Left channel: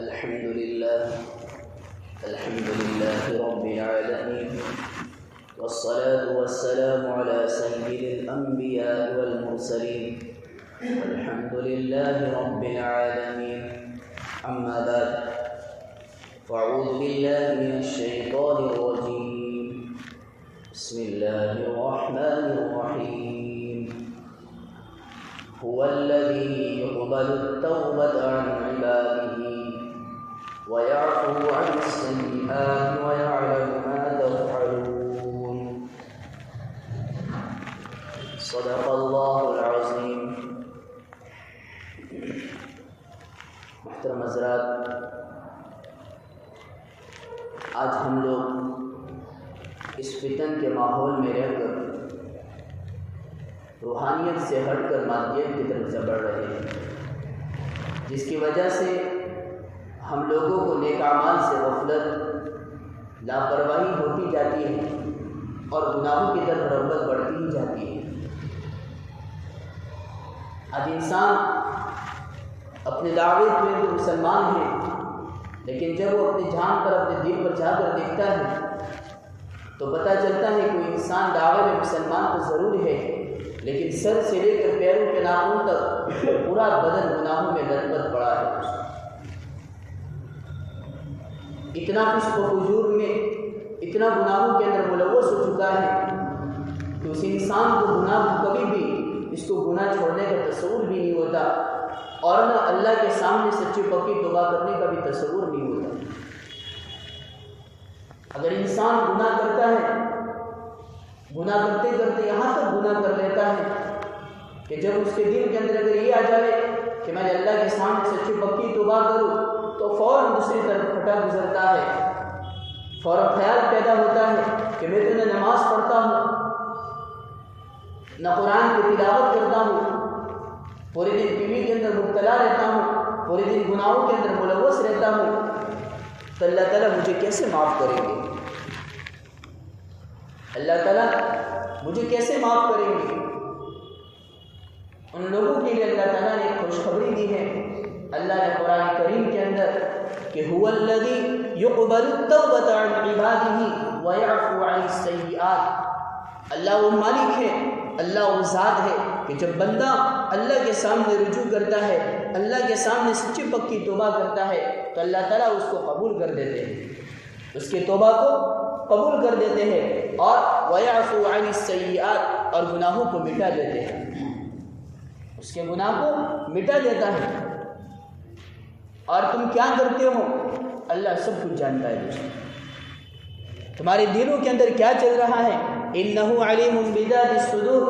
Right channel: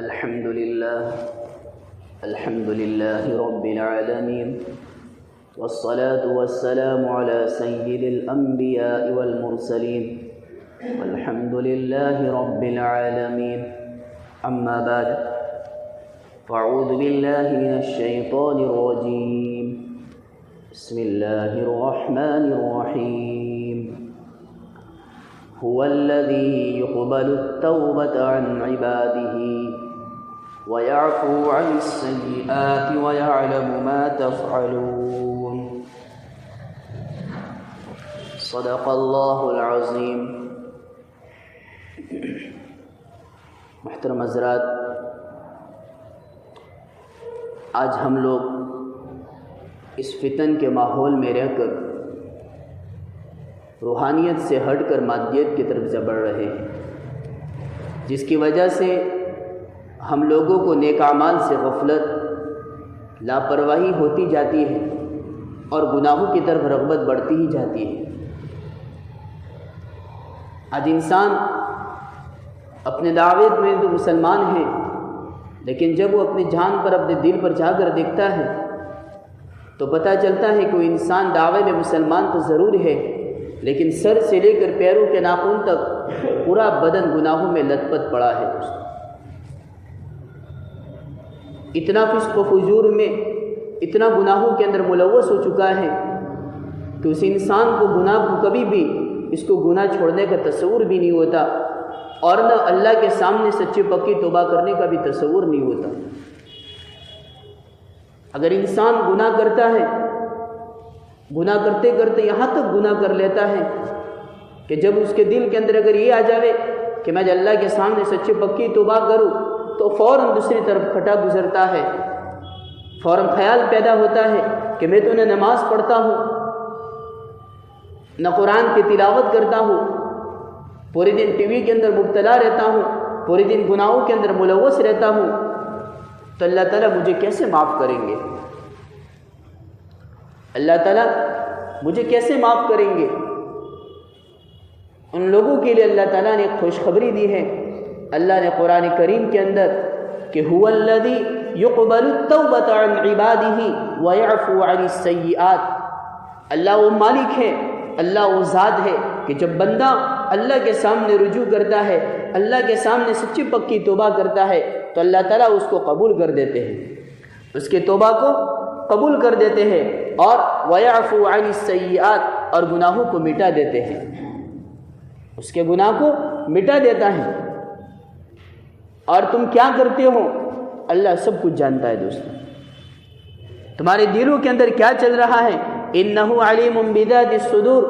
الحمد لله رب العالمين، والصلاة والسلام على سيد الأنبياء والمرسلين، والحمد لله رب العالمين. أما بعد، فأعوذ بالله من الشيطان الرجيم. بسم الله الرحمن الرحيم. هو الذي يقبل التوبة عن عباده ويعفو عن السيئات ويعلم ما تفعلون. صدق الله العظيم. محترم حضرات، آج ہم لوگ اس فتن کے ماحول میں رہ کر روحانیت سے ہٹ کر مادیت کی طرف بڑھ رہے ہیں، جس کی وجہ سے ہم لوگوں کو نیک اعمال سے غفلت، لاپرواہی ہوتی جاتی ہے اور گناہوں کی طرف رغبت بڑھتی ہی جاتی ہے۔ آج انسان اپنے دعوے میں تو مسلمان ہے، لیکن جب وہ اپنی جان پر، اپنے دل پر جا کر دیکھتا ہے تو پتہ چلتا ہے کہ وہ انسان دعوے میں مسلمان تو ضرور ہے، لیکن سر سے لے کر پیروں کے ناخن تک پورا بدن گناہوں میں لت پت پڑا ہے۔ اتنا فسق و فجور میں، اتنا گناہوں کے اندر ملوث ہو چکا ہے کہ اس انسان کو گناہ کو کبھی بھی اس کو گناہ چھوڑنے کا تصور بھی نہیں ہوتا، اور نہ اللہ کے سامنے سچی پکی توبہ کرنے کا بھی تصور نہیں ہوتا۔ اگر انسان گناہ کرتا ہے، گناہ کرتے کرتے یہاں تک گناہ کر لیتا ہے کہ جب اس کے دل کے اندر اگر یہ آ جائے کہ میں اللہ کے سامنے سچی پکی توبہ کروں، تو فوراً دوسری طرف پھٹا گزرتا ہے، فوراً خیال پیدا ہوتا ہے کہ میں تو نہ نماز پڑھتا ہوں، نہ قرآن کی تلاوت کرتا ہوں، پورے دن ٹی وی کے اندر مبتلا رہتا ہوں، پورے دن گناہوں کے اندر ملوث رہتا ہوں، تو اللہ تعالیٰ مجھے کیسے معاف کریں گے؟ اللہ تعالیٰ مجھے کیسے معاف کریں گے؟ ان لوگوں کے لیے اللہ تعالیٰ نے ایک خوشخبری دی ہے۔ اللہ نے قرآن کریم کے اندر کہ هو الذی یقبل التوبۃ عن عبادہ ویعفو عن السیئات، اللہ وہ مالک ہے، اللہ وہ ذات ہے کہ جب بندہ اللہ کے سامنے رجوع کرتا ہے، اللہ کے سامنے سچی پکی توبہ کرتا ہے، تو اللہ تعالیٰ اس کو قبول کر دیتے ہیں، اس کے توبہ کو قبول کر دیتے ہیں، اور وَيَعْفُو عَنِ السَّيِّئَاتِ، اور گناہوں کو مٹا دیتے ہیں، اس کے گناہ کو مٹا دیتا ہے۔ اور تم کیا کرتے ہو اللہ سب کچھ جانتا ہے دوستو، تمہارے دلوں کے اندر کیا چل رہا ہے، إِنَّهُ عَلِيمٌ بِذَاتِ الصُّدُورِ،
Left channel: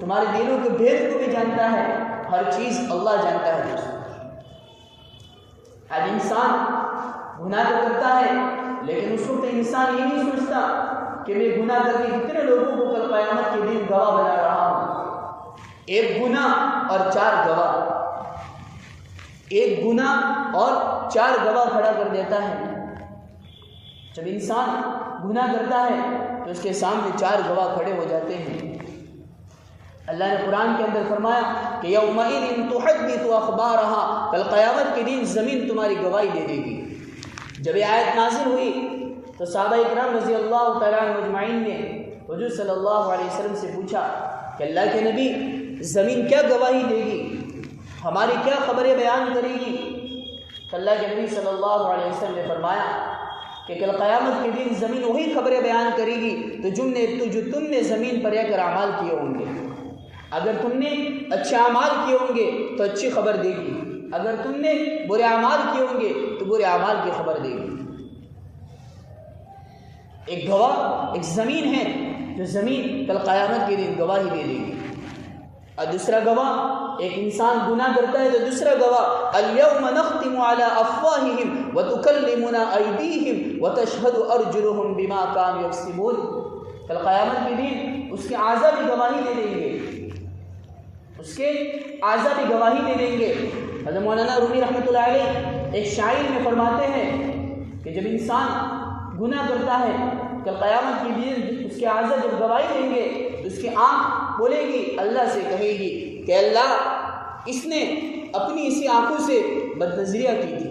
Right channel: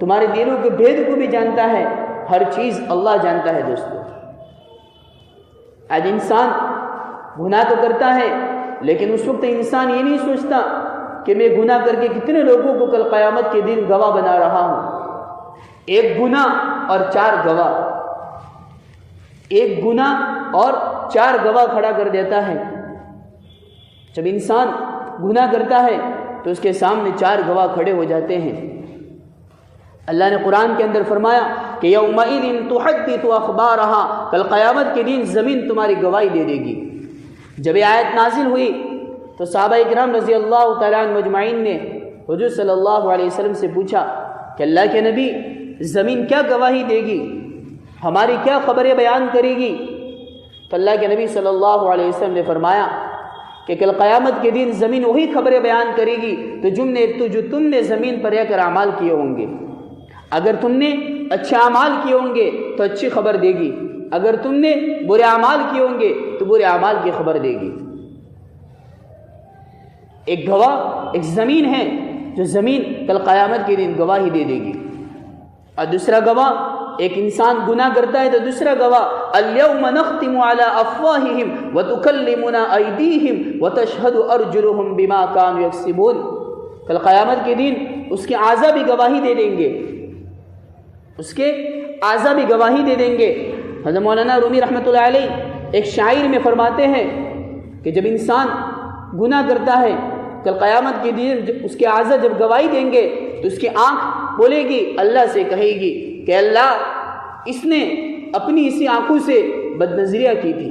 تمہارے دلوں کے بھید کو بھی جانتا ہے، ہر چیز اللہ جانتا ہے دوستو۔ آج انسان گناہ تو کرتا ہے، لیکن اس وقت انسان یہ نہیں سوچتا کہ میں گناہ کر کے کتنے لوگوں کو کل قیامت کے دن گواہ بنا رہا ہوں۔ ایک گناہ اور 4 گواہ، ایک گناہ اور 4 گواہ کھڑا کر دیتا ہے۔ جب انسان گناہ کرتا ہے تو اس کے سامنے 4 گواہ کھڑے ہو جاتے ہیں۔ اللہ نے قرآن کے اندر فرمایا کہ یومئذ تحدث اخبارها، کل قیامت کے دن زمین تمہاری گواہی دے دے گی۔ جب یہ آیت نازل ہوئی تو صحابہ اکرام رضی اللہ تعالیٰ عنہ مجمعین نے حضور صلی اللہ علیہ وسلم سے پوچھا کہ اللہ کے نبی، زمین کیا گواہی دے گی، ہماری کیا خبریں بیان کرے گی؟ تو اللہ کے نبی صلی اللہ علیہ وسلم نے فرمایا کہ کل قیامت کے دن زمین وہی خبریں بیان کرے گی تو جو تم نے زمین پر رہ کر اعمال کیے ہوں گے۔ اگر تم نے اچھے اعمال کیے ہوں گے تو اچھی خبر دے گی، اگر تم نے برے اعمال کیے ہوں گے تو برے اعمال کی خبر دے گی۔ ایک گواہ ایک زمین ہے، جو زمین کل قیامت کے دن گواہی دے دے گی، اور دوسرا گواہ ایک انسان گناہ کرتا ہے تو دوسرا گواہ اليوم نختم على افواہہم وتکلمنا ایدیہم وتشہد ارجلہم بما كانوا یکسبون، کل قیامت کے دن اس کے اعضاء بھی گواہی دے دیں گے، اس کے اعضاء بھی گواہی دے دیں گے۔ حضرت مولانا رومی رحمۃ اللہ علیہ ایک شاعر میں فرماتے ہیں کہ جب انسان گناہ کرتا ہے کل قیامت کے دن جب اس کے اعضاء جب گواہی دیں گے تو اس کی آنکھ بولے گی، اللہ سے کہے گی کہ اللہ اس نے اپنی اسی آنکھوں سے بدنظریہ کی تھی،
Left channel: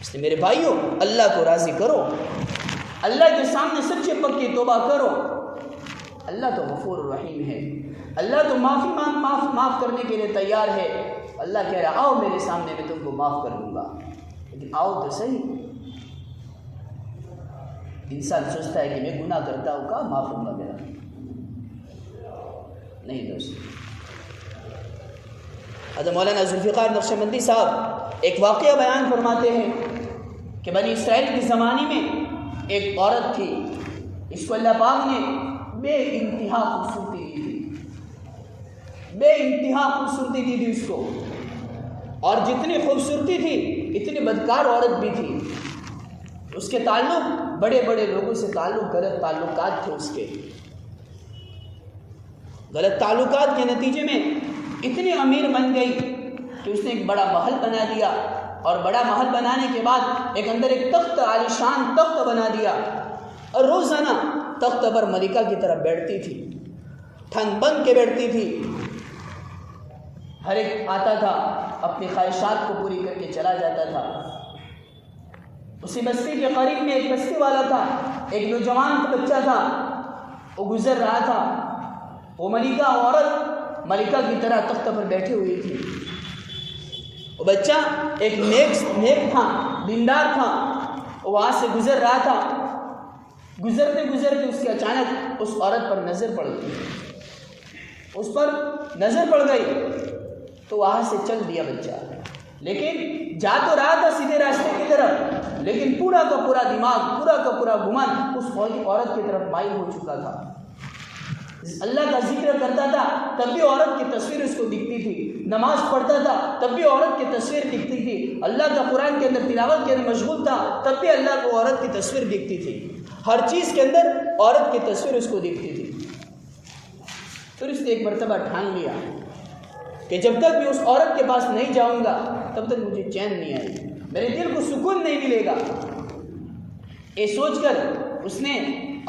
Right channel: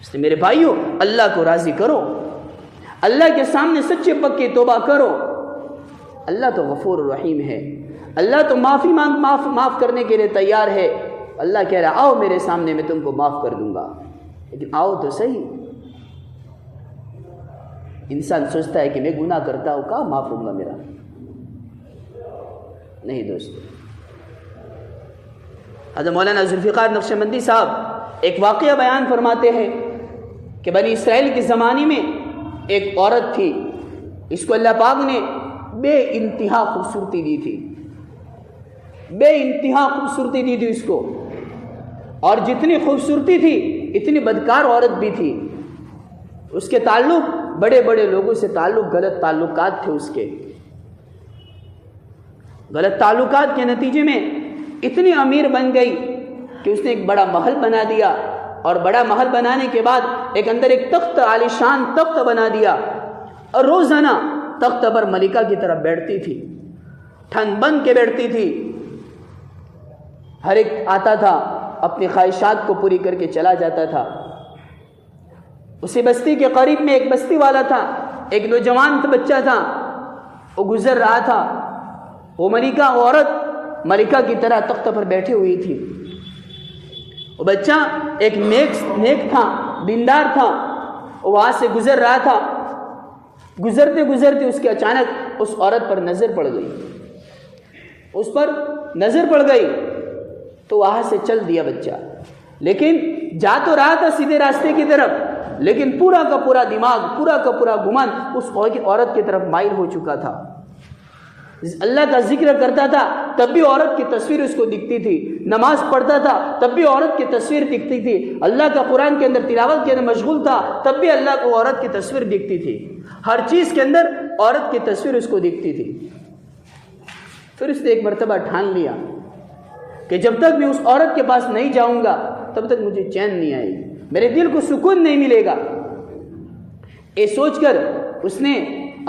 اس لیے میرے بھائیوں اللہ کو راضی کرو، اللہ کے سامنے سچے پکی توبہ کرو۔ اللہ تو غفور الرحیم ہے، اللہ تو معاف کرنے کے لیے تیار ہے۔ اللہ کہہ رہا آؤ میرے سامنے میں تم کو معاف کر دوں گا، لیکن آؤ تو صحیح۔ انسان سوچتا ہے کہ میں گناہ کرتا ہوں، کہاں معاف ہوگا میرا؟ نہیں دوستو، حضرت مولانا ذوالفقار نقشبندی صاحب ایک واقعہ بیان فرماتے ہیں کہ بنی اسرائیل کے زمانے میں ایک عورت تھی، اس کو اللہ پاک نے بے انتہا خوبصورتی دی تھی، بے انتہا خوبصورتی دی تھی اس کو، اور جتنی خوبصورتی تھی اتنی بدکار عورت بھی تھی۔ اس کے تعلق بڑے بڑے لوگوں سے غلط تعلقات تھے، اس کے غلط تعلقات کے نتیجے میں اتنی امیر بن گئی کہ اس نے ایک بڑا محل بنا دیا، اور بڑا محل بنانے کے بعد اندر ایک تخت، عالیشان تخت بنا دیا، اور روزانہ تخت پر ملکہ کی طرف بیٹھتی تھی، ٹھن بن کے بیٹھتی تھی۔ ہر ایک آتا تھا اپنی خواہشات کو پوری کر کے چلا جاتا تھا۔ اسی بستی کے قریب میں ایک بستی والا تھا، ایک نوجوان بچہ تھا، وہ گزر رہا تھا، وہ عورت ملکہ کی طرح تخت پر بیٹھی ہوئی تھی۔ وہ بچہ ایک نیک تھا، دیندار تھا، وہ وہاں سے گزر رہا تھا۔ گزرتے گزرتے اس کے اچانک اس عورت پر نظر پڑ گئی، اس پر نظر پڑ گئی تو وہاں سے چل دیا بچہ، لیکن جا تو رہا تھا سیدھے راستے کی طرف، لیکن پورا کا پورا دماغ، پورا کا پورا گمان اس عورت کی طرف مائل ہو چکا تھا۔ اللہ کا ذکر کرتا تھا تب بھی عورت کی تصویر اس کو دکھتی تھی، نماز پڑھتا تھا تب بھی عورت کی تصویر دکھتی تھی، اللہ کا قرآن کے اندر تلاوت کے اندر مشغول تھا تب بھی اللہ کو عورت کی تصویر دکھتی تھی، ہر چیز کے اندر عورت کی تصویر اس کو دکھتی تھی۔ پھر اس نے ایک مرتبہ ٹھان لیا کہ جب تک میں اس عورت کے پاس نہیں جاؤں گا تب تک مجھے چین نہیں آئے گی، میرے دل کو سکون نہیں ملے گا۔ یہ سوچ کر اس نے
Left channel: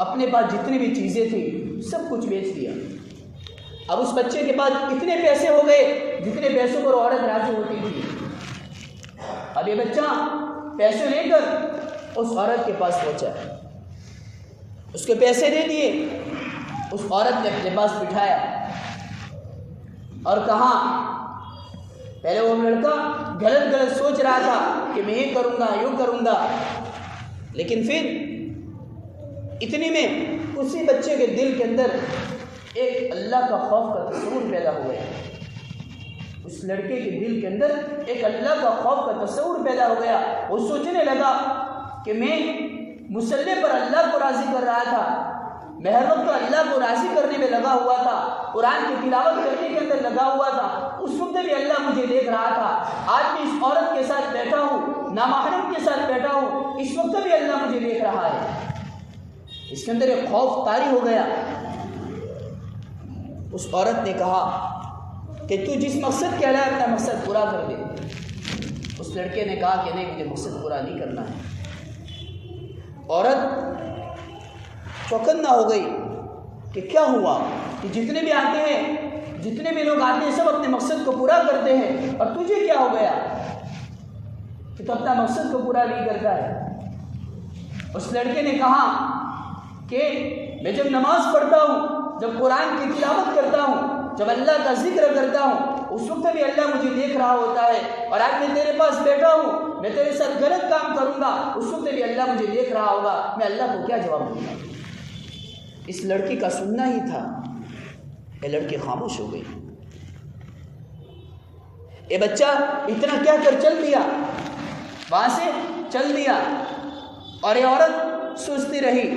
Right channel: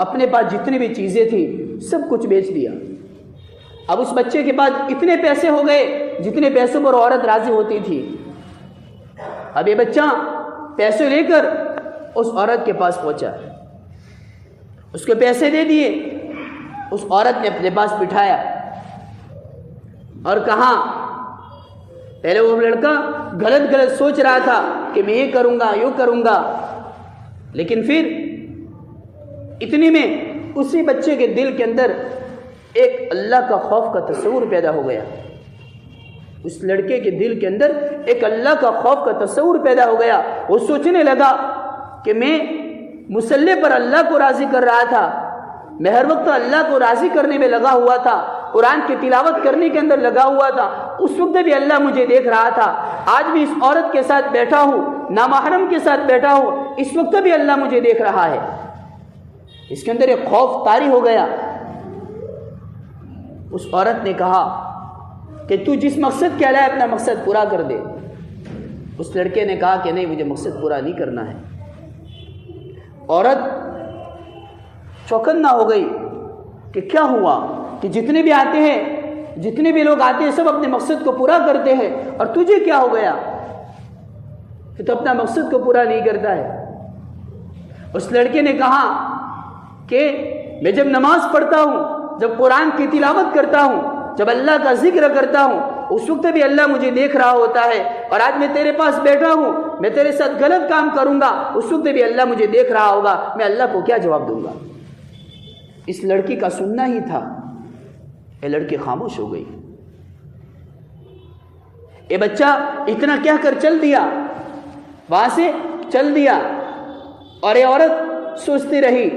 اپنے پاس جتنی بھی چیزیں تھیں سب کچھ بیچ دیا۔ اب اس بچے کے پاس اتنے پیسے ہو گئے جتنے پیسوں پر عورت راضی ہوتی تھی۔ اب یہ بچہ پیسے لے کر اس عورت کے پاس پہنچا، اس کو پیسے دے دیے، اس عورت نے اپنے پاس بٹھایا اور کہا، پہلے وہ لڑکا غلط سوچ رہا تھا کہ میں یہ کروں گا، لیکن پھر اتنی میں اسی بچے کے دل کے اندر ایک اللہ کا خوف کا تصور پیدا ہو گیا۔ اس لڑکے کے دل کے اندر ایک اللہ کا خوف کا تصور پیدا ہو گیا۔ وہ سوچنے لگا کہ میں مصلی پر اللہ کو راضی کر رہا تھا، میں ہر وقت اللہ کو راضی کرنے میں لگا ہوا تھا، قرآن کی تلاوت کرنے کے اندر لگا ہوا تھا، اس وقت بھی اللہ مجھے دیکھ رہا تھا، آج بھی اس عورت کے ساتھ بیٹھا ہوں، نامحرم کے ساتھ بیٹھا ہوں، اس وقت بھی اللہ مجھے دیکھ رہا ہے۔ اس کے اندر ایک خوف طاری ہو گیا۔ اس عورت نے کہا کہ تو جس مقصد کے لائے اپنا مقصد پورا کر دے۔ اس لڑکے نے کہا کہ نہیں، مجھے مقصد پورا نہیں کرنا ہے۔ عورت چوکنا ہو گئی کہ کیا ہوا کہ جتنے بھی آتے ہیں، جتنے بھی لوگ آتے ہیں سب اپنے مقصد کو پورا کرتے ہیں، اور تجھے کیا ہو گیا کہ تو اپنا مقصد کو پورا نہیں کرتا ہے۔ اس لڑکے نے کہا کہ میں جب نماز پڑھتا ہوں، جب قرآن کی تلاوت کرتا ہوں، جب اللہ کا ذکر کرتا ہوں، اس وقت بھی اللہ مجھے دیکھ رہا ہوتا ہے، اور آج میں تیرے پاس بیٹھا ہوں، میں تیرے ساتھ غلط کام کروں گا، اس وقت بھی اللہ مجھے دیکھ رہا ہوگا، میں اللہ کو کیا جواب دوں گا؟ اس لڑکی کا سننا ہی تھا۔ یہ لڑکی خاموش ہو گئی۔ یہ بچہ اتنا کہہ کر چل دیا، وہاں سے چل دیا، اور یہ عورت سوچتی رہی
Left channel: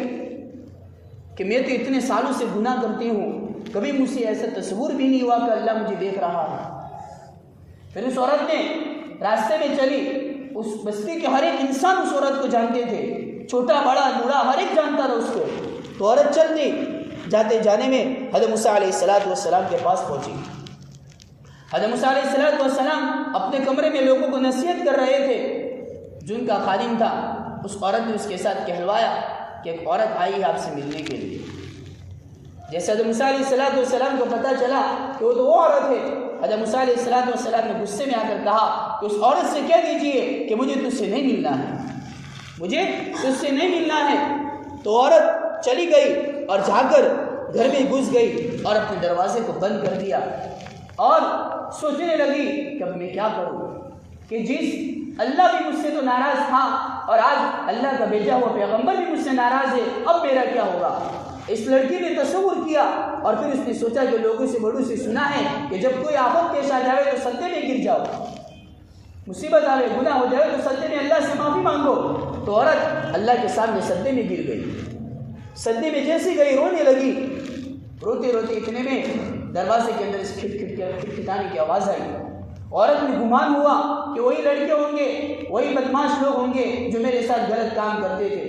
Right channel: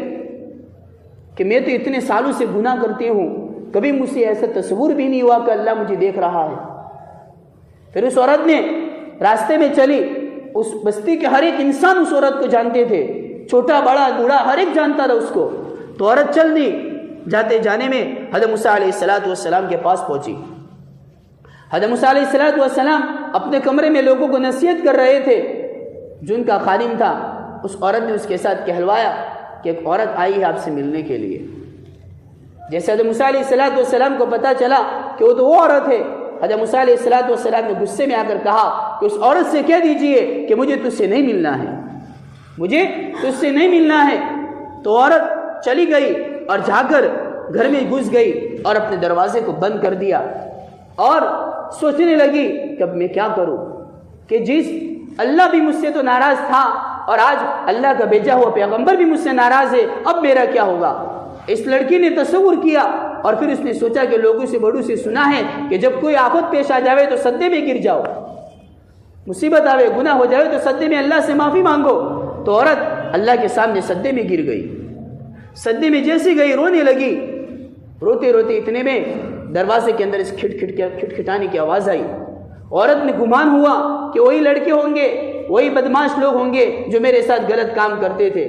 کہ میں تو اتنے سالوں سے گناہ کرتی ہوں، کبھی مجھ سے ایسا تصور بھی نہیں ہوا کہ اللہ مجھے دیکھ رہا ہے۔ پھر اس عورت نے راستے میں چلی، اس بستی کے ہر ایک انسان اس عورت کو جانتے تھے، چھوٹا بڑا بوڑھا ہر ایک جانتا تھا اس کو۔ تو عورت چل دی، جاتے جانے میں حضرت موسیٰ علیہ السلام کے پاس پہنچی۔ حضرت موسیٰ علیہ السلام اپنے کمرے میں لوگوں کو نصیحت کر رہے تھے، جن کا خادم تھا اس عورت نے اس کے ساتھ کہلوایا کہ ایک عورت آئی ہے آپ سے ملنے کے لیے۔ جیسے حضرت موسیٰ علیہ السلام کو پتہ چلا کہ وہ تو وہ عورت ہے حضرت موسیٰ علیہ السلام نے غصے میں آ کر کہا کہ اس عورت سے کہہ دیجئے کہ مجھے تجھ سے نہیں ملنا ہے، مجھے تجھ سے نہیں ملنا ہے۔ تو عورت چلی گئی اور جا کر گھر میں گھس گئی اور اپنے دروازے کو بند کر دیا اور سوچنے لگی کہ اب میں کیا کروں، کہ جس اللہ بھی مجھ سے تو ناراض تھا اور آج اللہ کا بھیجا ہوا پیغمبر بھی مجھ سے ناراض ہے، اب میرا کیا ہوگا۔ اس لڑکی نے تصور کیا اور پھر اس نے سوچا کہ لوگوں سے بڑوں سے سنا ہے کہ جب کوئی آفت پیش آ جاوے تو سجدے میں گر جاؤ، مصیبت آوے، گناہ ہو جائے تو سجدے میں اللہ سے معافی مانگو۔ تو عورت اللہ کے سامنے سجدے میں گر گئی، سجدے میں جیسی گئی رونے لگی، روتے روتے اتنے میں دروازے کے اندر اس کھٹکھٹانے کی آواز آئی۔ عورت نے گمان ہوا کہ وہی لڑکے ہوں گے، وہی بدماش لوگ ہوں گے جو میرے ساتھ غلط کام کرتے تھے۔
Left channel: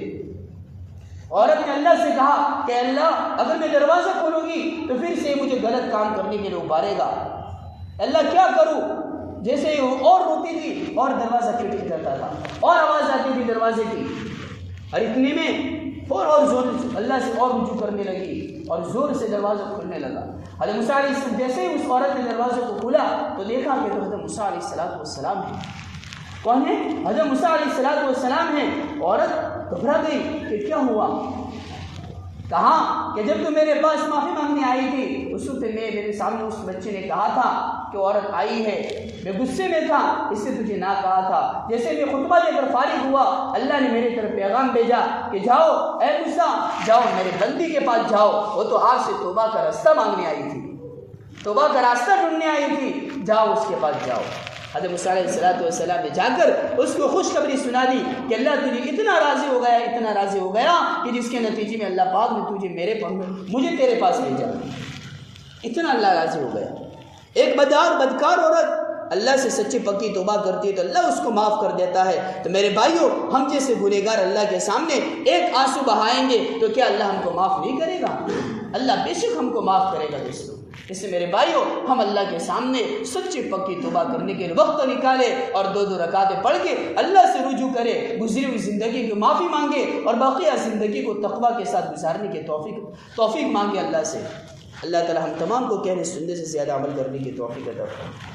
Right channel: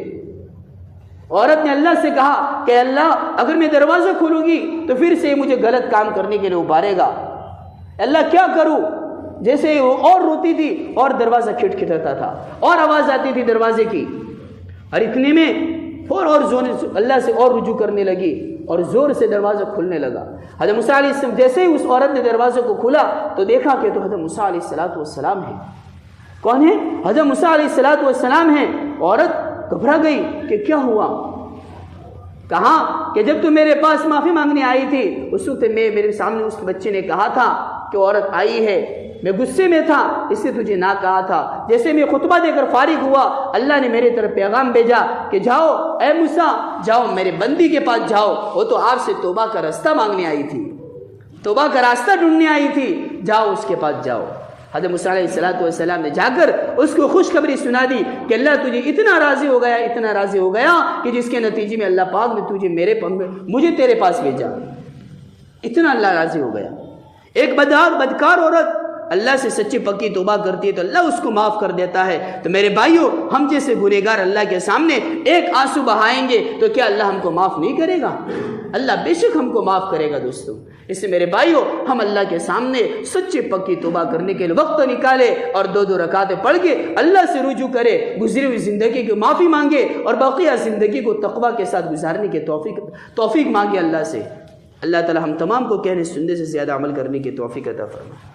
عورت نے اللہ سے کہا کہ اللہ اگر میں دروازے کھولوں گی تو پھر سے مجھے غلط کام کرنے کے لیے ابھارے گا، اللہ کیا کروں۔ جیسے وہ اور روتی تھی اور دروازہ کھٹکھٹاتا تھا اور آواز آتی تھی دروازے کی، اور اتنے میں اور زور اللہ سے اور رجوع کرنے لگی اور زور سے دروازہ کھلنے لگا۔ حضرت موسیٰ علیہ السلام جیسے ہی اس عورت نے دروازے کو کھولا تو دیکھا کہ تو حضرت موسیٰ علیہ السلام ہے۔ کون ہے؟ حضرت موسیٰ علیہ السلام ہے۔ عورت گھبرا گئی کہ کیا ہوا، کہا کہ جب تو میرے پاس معافی مانگنے آئی تھی اس وقت میرے سامنے اس بچے نے کہا تھا کہ عورت آئی ہے، میں غصے میں تھا اس سے تجھے نہ کہا تھا۔ جیسے میں خطبہ دے کر فارغ ہوا اللہ نے میرے طرف پیغام بھیجا کہ جاؤ اے موسیٰ، جاؤ میرے بندی کے پاس جاؤ، وہ تو آپ سے توبہ کا راستہ مانگنے آئی تھی، توبہ کا راستہ ڈھونڈنے آئی تھی، جاؤ اس کے پاس جاؤ۔ حضرت موسیٰ علیہ السلام نے جا کر اس کو خوشخبری سنا دی کہ اللہ تجھے اتنا راضی ہو گیا، اتنا راضی ہو گیا کہ جس کے نتیجے میں اللہ پاک نے تجھے مجھے تیرے پاس بھیجا، اتنا اللہ راضی ہو گیا۔ ایک بدکار عورت اللہ سے سچی پکی توبہ کرتی ہے تو اللہ اس کو معاف کر دیتا ہے۔ تو میرے بھائیوں، ہم جیسے گنہگار اللہ کے سامنے ایک آنسو بہائیں گے تو کیا اللہ ہم کو معاف نہیں کرے گا؟ اللہ بے شک ہم کو معاف کرے گا دوستو۔ اس سے میرے بھائیوں، ہم اللہ کے سامنے سچی پکی توبہ کرنے کے لیے وقت نکالے اور 2 رکعتیں پڑھ کے اللہ سے رجوع کرے، گزری ہوئی زندگی کی معافی مانگے اور بقیہ زندگی کو تقویٰ کے ساتھ گزارنے کی توفیق مانگے اللہ سے۔ اللہ تعالی ہم تمام کو کہنے سننے سے زیادہ عمل کرنے کی توفیق عطا فرمائے۔